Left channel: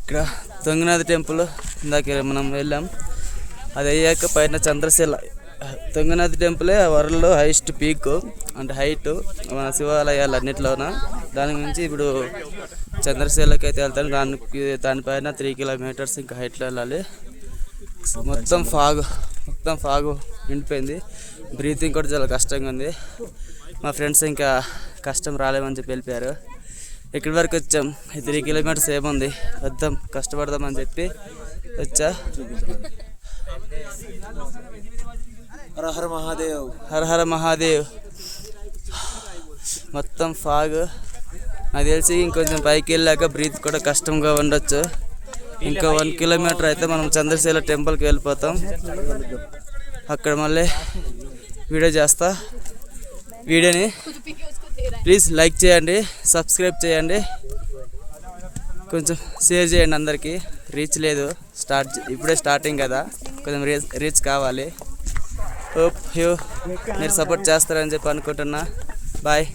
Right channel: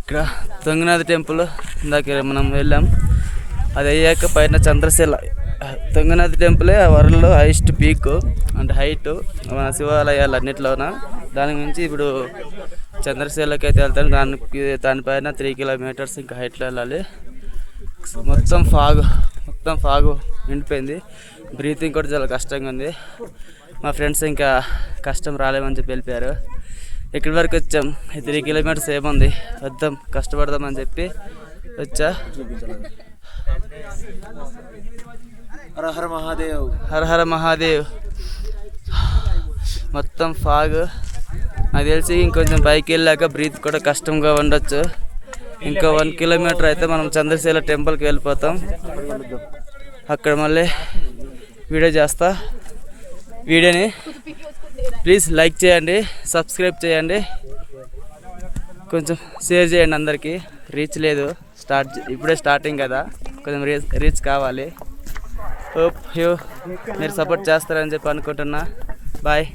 ఇక్కడ తుంగనాథ టెంపుల్ ఇందాక మనం వెళ్ళాం. అది అయ్యాక పైన చంద్రశీల. తుంగనాథ టెంపులే వరల్డ్లో హైయెస్ట్ పీక్ అంటే హైట్ మన శివాలయాలు అన్నింటిలోన. దాని నుంచి ఇప్పుడు చంద్రశీలకి అయితే వెళ్తాను. దానిపైన 3 కిలోమీటర్స్ ఇంకా హైట్లో వెళ్ళాలి. మొత్తం ఫాగు నిండిపోయింది. బ్రీతింగ్ కూడా చాలా కష్టంగా ఉంది. మా ఫ్రెండ్స్ ఇంకా కష్టం రాలేమని చెప్పి వెళ్ళిపోయారు. ఇక్కడి వరకు వచ్చాం. 3 కిలోమీటర్స్ ఏముంది, వద్దాం కష్టపడదామని చెప్పి వచ్చా. హర హర మహాదేవ్, హర హర మహాదేవ్. మొత్తం ఫాగ్. నాకు తెలిసి ఇంకొంచెం పైకి వెళ్ళాక బ్రీత్ కూడా కష్టంగా ఉండొచ్చు. ఇంకా 1 కిలోమీటర్ అయితే మనం చంద్రశీల టెంపుల్కి వెళ్ళిపోతాం. అక్కడ మళ్ళీ వీడియో చేస్తా. వీడియోని ప్లీజ్ లైక్ చేయండి, సబ్స్క్రైబ్ చేయండి, కొంచెం షేర్ చేయండి. అందరికీ రీచ్ లేదు, ఇప్పుడే స్టార్టింగ్ కదా, కొంచెం రీచ్ కావాలి. హోప్ మీరు సపోర్ట్ చేస్తారని చెప్పి అనుకుంటున్నా. బాయ్.